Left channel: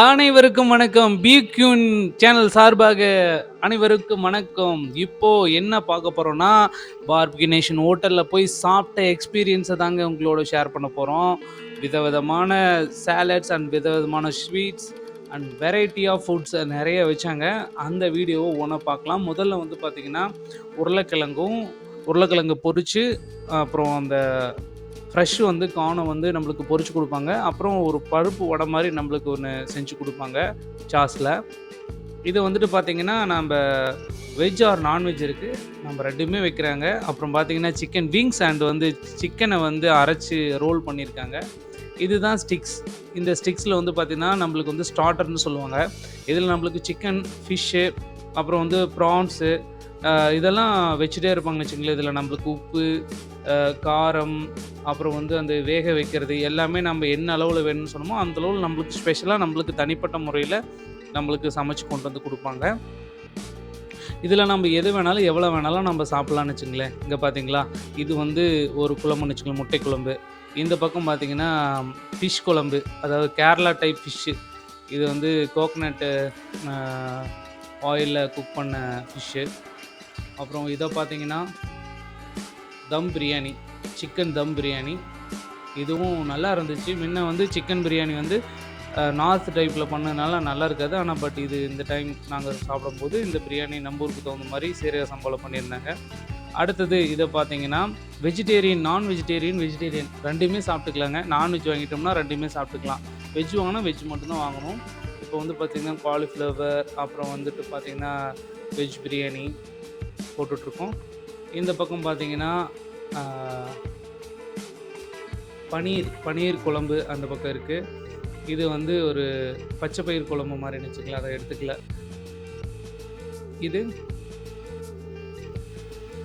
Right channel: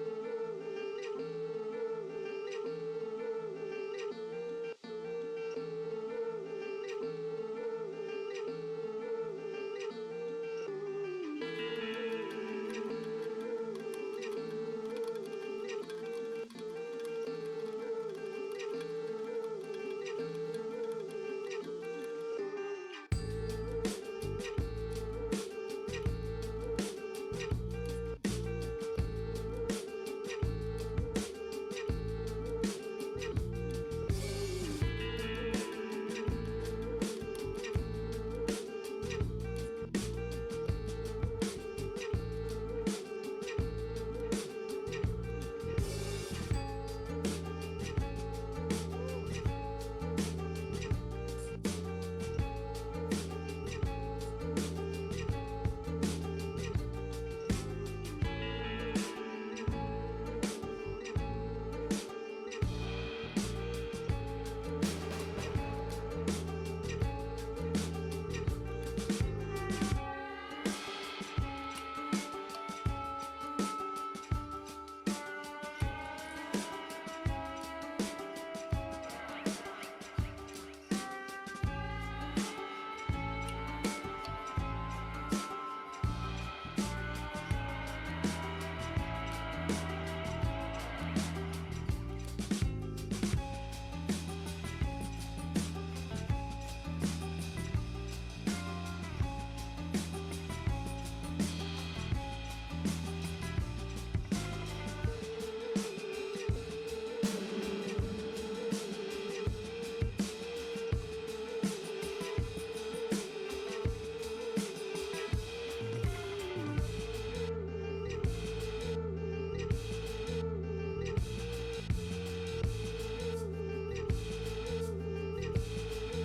அனைவருக்கும் வணக்கம். பிக்யூன் சேனல் சார்பாக அனைவருக்கும் வணக்கம். இப்போ என்ன பார்க்க போறோம்னா, பார்பிக்யூ நேஷன் ஹோட்டல்ல போய் சாப்பிட்ட எக்ஸ்பீரியன்ஸ தாங்க உங்களோட ஷேர் பண்ண போறோம். விதவிதமான சாலட்ஸ் அண்ட் விதவிதமான sweets and variety of foods நெறைய வச்சாங்க. அந்த வீடியோவ ஒவ்வொண்ணா பார்க்கலாம். முதல்ல வந்து பார்த்தீங்கன்னா, உருளைக்கிழங்கு பொரிச்சு, அப்புறம் அந்த ஃப்ரெஷ் வந்து கார்ன வந்து நம்மளுக்கு பொரிச்சு குடுப்பாங்க. அப்புறம் ஒரு பருப்பு வடை மாரி நம்மளுக்கு ஒண்ணு செஞ்சு குடுப்பாங்க, சாஸ்ல. இது வந்துட்டு பார்த்தீங்கன்னா, நம்ப வெஜ் ஆர் நான்வெஜ் இருக்கு. நம்ம 2மே வைக்கிறாங்க. அப்புறம் பார்த்தீங்கன்னா, சிக்கன் விங்ஸ் அண்ட் வந்து சிக்கன வந்து அரைச்சு ரோல் பண்ணியிருக்காங்க. இதுதான் ஸ்டிக்ஸ். இந்த ஸ்டிக்ஸ்ல வந்து பார்த்தீங்கன்னா, நம்மளுக்கு வந்து ஸ்டார்ட்டர்ன்னு சொல்லுவாங்க. இதில நம்மளுக்கு சிக்கன், ஃபிஷ்ஷு, அப்புறம் வந்து ப்ரான்ஸு இதெல்லாம் வச்சுட்டே இருப்பாங்கன்னு வச்சுக்கங்களேன். இதில நம்மளுக்கு உப்பு, காரம், அப்புறம் வந்து அந்த வேக வைக்கிறது எல்லாமே நம்ம என்ன அளவுல வேணும்னு சொன்னோமோ, அந்த அளவுல நம்மளுக்கு ஸ்பெஷலா நம்மளுக்கு தனிப்பட்ட முறையில நம்மளுக்கு சமைச்சு கொண்டு வந்து குடுப்பாங்க. இதில நம்ம எது வேணாலும், எவ்வளோ வேணாலும் நம்ம சாப்பிடலாம்னு வச்சுக்கங்களேன். இங்க பார்த்தீங்களா, இது வந்து ஒரு குழம்புன்னு வச்சுக்கோங்க, முட்டை குழம்பு. இந்த பக்கம் பார்த்தீங்கன்னா, ஃபிஷ் குழம்பு. அதாவது கேரளா டைப் ஃபிஷ்ஷு. இது வந்து கோகனட்டு அ ஆயில்ல குக் பண்ண ஃபிஷ்ஷு. அப்புறம் இத பார்த்தீங்கன்னா, தம் பிரியாணி. சிக்கன் தம் பிரியாணி. இதுவும் நல்லா இருந்துச்சு. முன்ன வந்து சிக்கன் பிரியாணி வந்து நார்த் டைப்ல பண்ணதுனால நல்லா இருக்காது. ஆனா பட் இது இந்த டைம் நாங்க சாப்பிடும்போது இந்த பிரியாணி நம்ம ஊருக்கு தகுந்த மாரி சீரக சம்பால பண்ணியிருந்தாங்க. அடுத்தது இத பார்த்தீங்கன்னா, வெஜிடேரியன், நான் வெஜிடேரியன், வெஜிடேரியன் 2மே சாப்பிட்டுக்கலாங்க. நான்வெஜ் வாங்கிட்டோம்னா 2மே சாப்பிட்டுக்கலாம். வெஜ் வாங்குனா வெஜ் மட்டும் தான் வாங்கணும். இப்போ வந்து பார்த்தீங்கன்னா, காலிஃப்ளவர், அப்புறம் வந்துட்டு பார்த்தீங்கன்னா, வெஜ் பிரியாணி போட்டுட்ருக்கோம். இந்த பக்கம் பார்த்தீங்கன்னா, ஆ பனீர் குழம்பு அந்த பக்கம் இருக்கு. இது வந்து ஒரு பச்சை பயிர் குழம்பு மாரின்னு வச்சுக்கலாம். அத எடுத்துக்கல. இது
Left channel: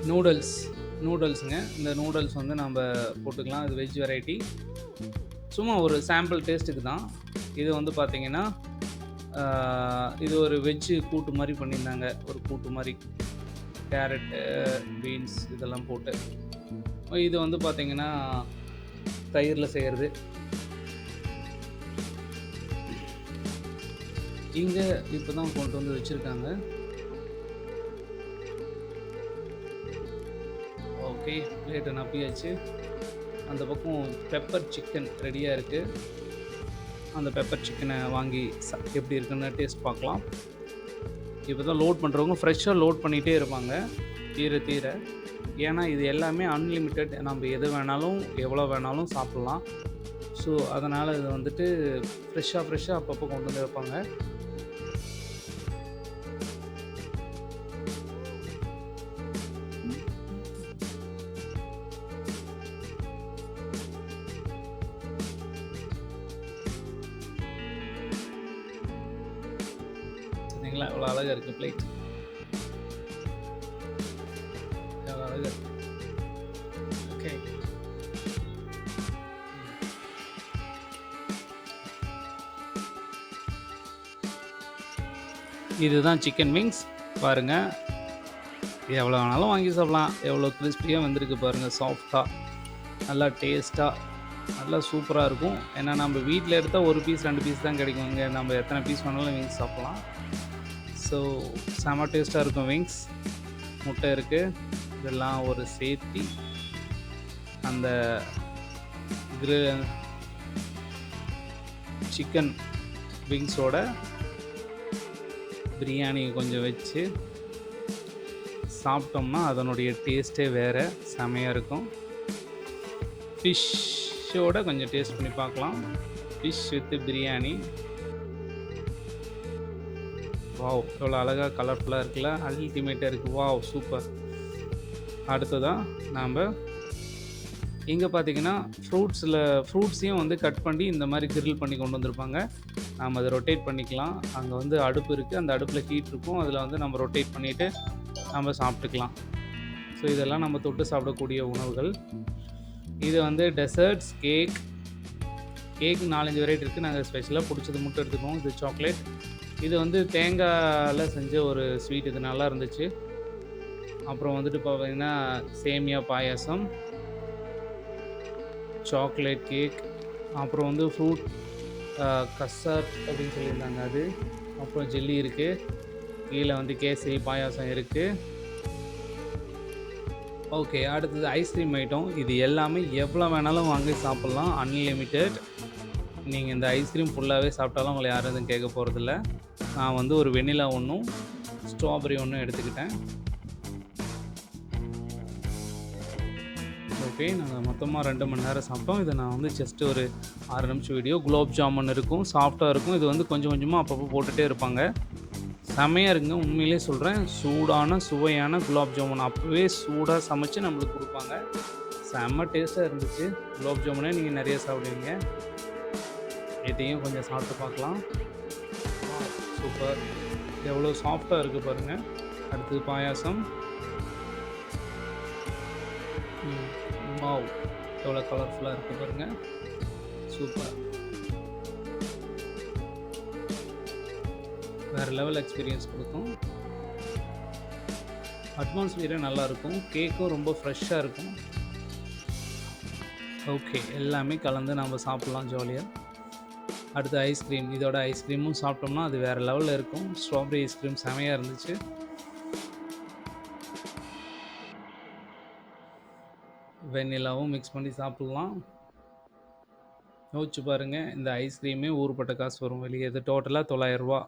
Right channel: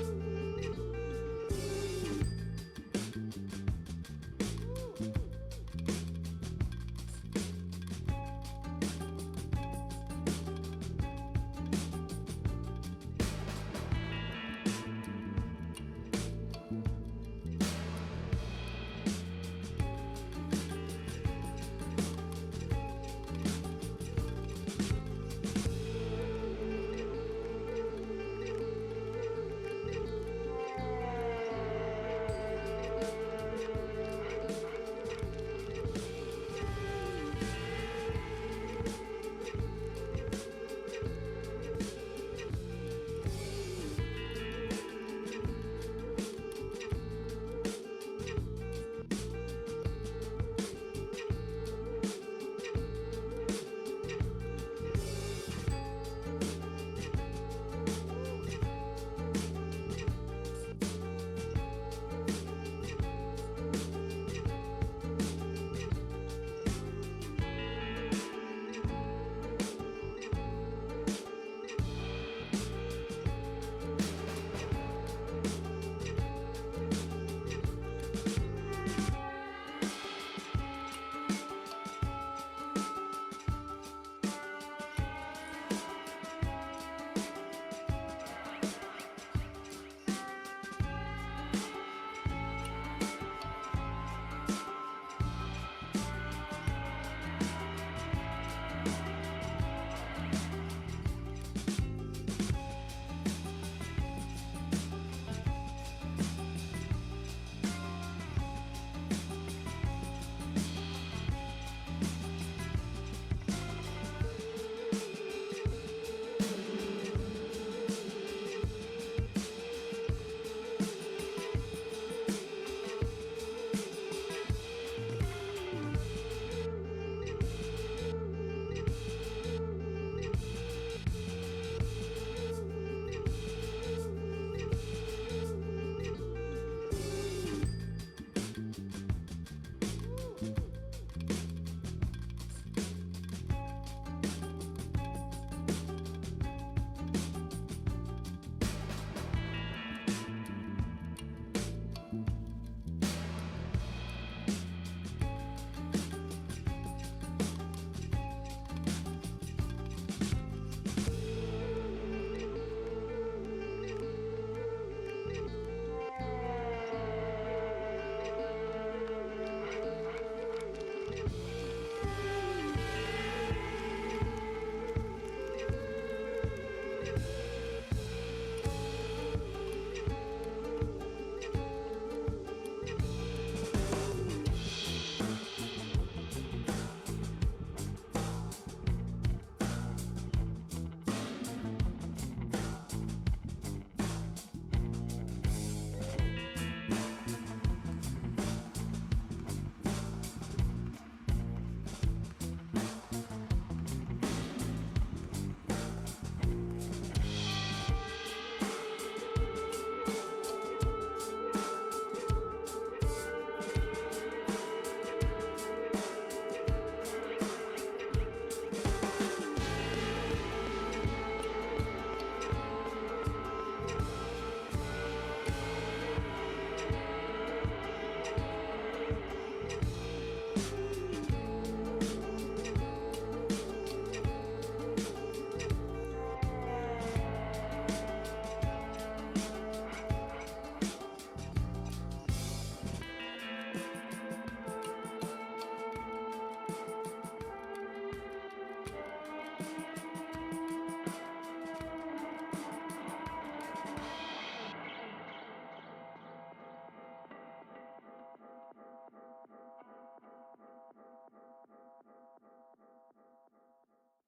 நூடுல்ஸுங்க. இந்த நூடுல்ஸ் வந்து நம்ப போட்டுக்கலாம். இது வெஜ் வெரைட்டி. சும்மா ஒரு சாம்பிள் டேஸ்ட்டுக்கு தான். இது வந்து பார்த்தீங்கன்னா, ஆ இது ஒரு வெஜ்ஜு கூட்டு மாரி பண்ணியிருந்தாங்க. ஒரு கூட்டு மாரி. கேரட்டு, பீன்ஸ் இதெல்லாம் போட்டு. இது வந்து பார்த்தீங்கன்னா, தயிர்ல செய்றது. இங்க இப்ப தான் கொண்டு வந்து வச்சிருக்காங்க. ஓகே. பிளேட்ட நப்பியாச்சு. அந்த பக்கம் பெப்பர் சிக்கன் ரெடியா இருக்கு. அந்த பெப்பர் சிக்கன வாங்கி எப்படி இருக்குன்னு டேஸ்ட் பார்க்கலாம். இப்ப தான் லோட் பண்றவங்க ஃப்ரெஷ்ஷா லோட் பண்ணிட்டே இருப்பாங்க. தீர தீர. ஏன்னா இது எல்லாமே அன்லிமிட்டட். நம்ம எது வேணாலும், எவ்வளோ வேணாலும் சாப்பிடலாம். ஸோ, அதனால இது வந்துட்டு ஃப்ரெஷ்ஷா அப்பப்போ கொண்டு வந்து வைப்பாங்க. பார்த்தீங்களா எவ்வளோ அழகா இருக்கு பிளேட். எவ்வளோ அழகா இருக்கு. ஓகே. இதுதான் சிக்கன் விங்ஸ். பாருங்க. எவ்வளோ வேணாலும் வாங்கி சாப்பிடலாம். எவ்வளோ கிரிஸ்பியா வந்திருக்கு பாருங்க. சாஃப்ட்டா, நல்லா டேஸ்ட்டா, நல்லா சூப்பரா இருக்கும். ஏன்னா நம்ம வீட்ல எடுத்தா 1 பீஸ், 2 பீஸ் தான் கிடைக்கும். இங்க நம்ம எத்தனை பீஸ் வேணாலும் விங்ஸ் சாப்பிடலாம். ஸோ, செம டேஸ்ட்டா இருக்கும் விங்ஸ். முட்டை இருக்கு. இதெல்லாம் ஒரு சேர்த்தி அந்த கிரி சிக்கன் விங்ஸோட பிரியாணி கொஞ்சம் வச்சு சாப்பிட்டோம்னா, அதனுடைய டேஸ்ட்டே வேற. செமையா இருக்கும். ஃபிஷ்ஷோட கொஞ்சம் டேஸ்ட் பண்ணி பார்க்கலாம். Fish with biryani. வாவ்! எவ்வளோ அழகா கலர்ஃபுல்லா இருக்குல்ல. அல்டிமேட்டா இருக்கு. வாவ்! சூப்பர். அடுத்ததா நாம இங்க பார்த்தீங்கன்னா, ஃப்ரூட்ஸையும் வந்து கட் பண்ணி இந்த மாரி கிரில் பண்ணி கொண்டு வந்திருப்பாங்க. நாம அத ரொட்டேட் பண்ணிக்கலாம். அங்க வந்து அடுப்பு இருக்கு. அந்த அடுப்புல ஹீட் இருக்கும். அதில வந்து நம்ம ரொட்டேட் பண்ணிட்டு நம்ம சாப்பிட்டுக்கலாம். ஸோ, இதெல்லாம் நம்ம தொட்டு சாப்பிடக்கூடிய உணவுகள். இது வந்து டெசர்ட்ஸ், கேக் 4, 5 வெரைட்டி இருக்கு. நாங்க ஸ்பெஷலா புடிச்சது மட்டும் எடுத்துக்குவோம். இது சாக்லேட். இது வந்து தேங்காய்ல செஞ்ச ஒரு ஸ்வீட். இது நல்லா இருந்துச்சு. அப்புறம் வந்துட்டு பார்த்தீங்கன்னா, சேமியா பாயாசம், சாக்லேட் கேக், அப்புறம் வந்து ஃப்ரூட் கஸ்ஸார் அப்படின்னு சொல்லியிருந்தாங்க அது. அப்புறம் ஜெல்லி இருக்குது. கீழே வந்து கேசரி பாயாசம் இருக்குது. ஓகே. அடுத்தது ஐஸ்கிரீம் ஐட்டம். இது எல்லாமே எவ்வளோ வேணாலும் வாங்கி சாப்பிட்லாம். அன்லிமிட்டெட். நீங்க இந்த ஐஸ்கிரீம் ஃபுல்லாவே சாப்பிட்டாலும் உங்கள யாரும் எதுவும் கேட்க போறதில்ல. நான் வந்து ஒரு வெண்ணிலா ஒண்ணும், ஸ்ட்ராபெர்ரி ஒண்ணும் எடுத்துக்கிட்டேன். ஓகே. நாங்க மொத்தமா 2 மணி நேரம் சாப்பிட்டோம். இத நான் வந்து ஜஸ்ட் ஒரு 6 நிமிஷம் வீடியோ. குலோப் ஜாமுன் இருக்கும். சாஃப்ட்டா இருக்கும். இது வந்து கொஞ்சம் கொஞ்சமா அப்பப்போ போட்டுட்டே இருப்பாங்க. செமையா இருக்குங்க. உண்மையிலேயே சொல்றேன். சூடான, சுவையான குலாப் ஜாமுன் அப்பவே சூடா சமைச்சு நம்மளுக்கு குடுப்பாங்க. செம்ம டேஸ்ட்டா இருந்துச்சு. குலாப் ஜாமுனே நீங்க நெறைய சாப்பிடுவீங்க. இதையும் கொஞ்சம் சாப்பிட்டு பார்க்கலாம். சூப்பர்! எவ்வளோ சாஃப்ட்டா இருக்கு பாருங்க. அடுத்தது பாயாசம். ம். வாவ்! எவ்வளோ கலர்ஃபுல்லா இருக்கு பாருங்க. சூப்பர்! வேற லெவல் எக்ஸ்பீரியன்ஸ் குடுக்கும். அட்மாஸ்பியரே நல்லாயிருக்கும். கேக்கும் ரொம்ப ஃப்ரெஷ்ஷா இருக்கும். ஓகே. எல்லாமே கலந்து நம்ம சாப்பிடலாம் ஜாலியா. அடுத்து ஐஸ்கிரீம். இதோட ஐஸ்கிரீமும் சாப்பிட்டோம்னா, அது வேற லெவல்ல இருக்கும். ஸ்ட்ராபெர்ரி ஐஸ்கிரீம் செமையா இருந்துச்சு. வெண்ணிலாவும் மிக்ஸ் பண்ணி சாப்பிடலாம். யோசிச்சு பாருங்க. இந்த ஐஸ்கிரீமே ஊருப்பட்ட காசு வரும் வெளிய. இது டோட்டலா ரூ. 900.